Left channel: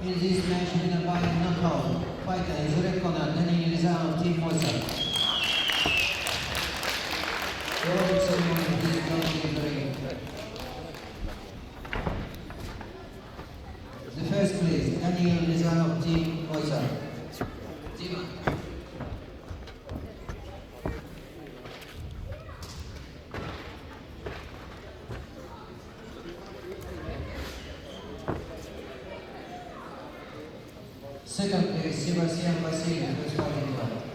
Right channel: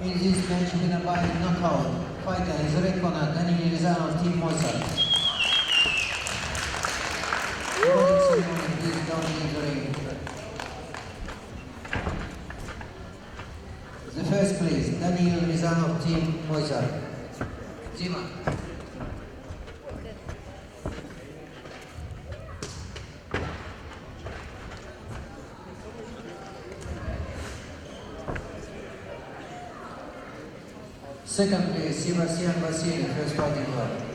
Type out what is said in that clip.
In this match, winner by knockout, fighter is red corner, Daniel Rizal, Team Mozart. Robert Simon, please join the ring. The first place, Daniel Rizal, Team Mozart. Zima. Second place, Sebastian Vasily, first fighting club.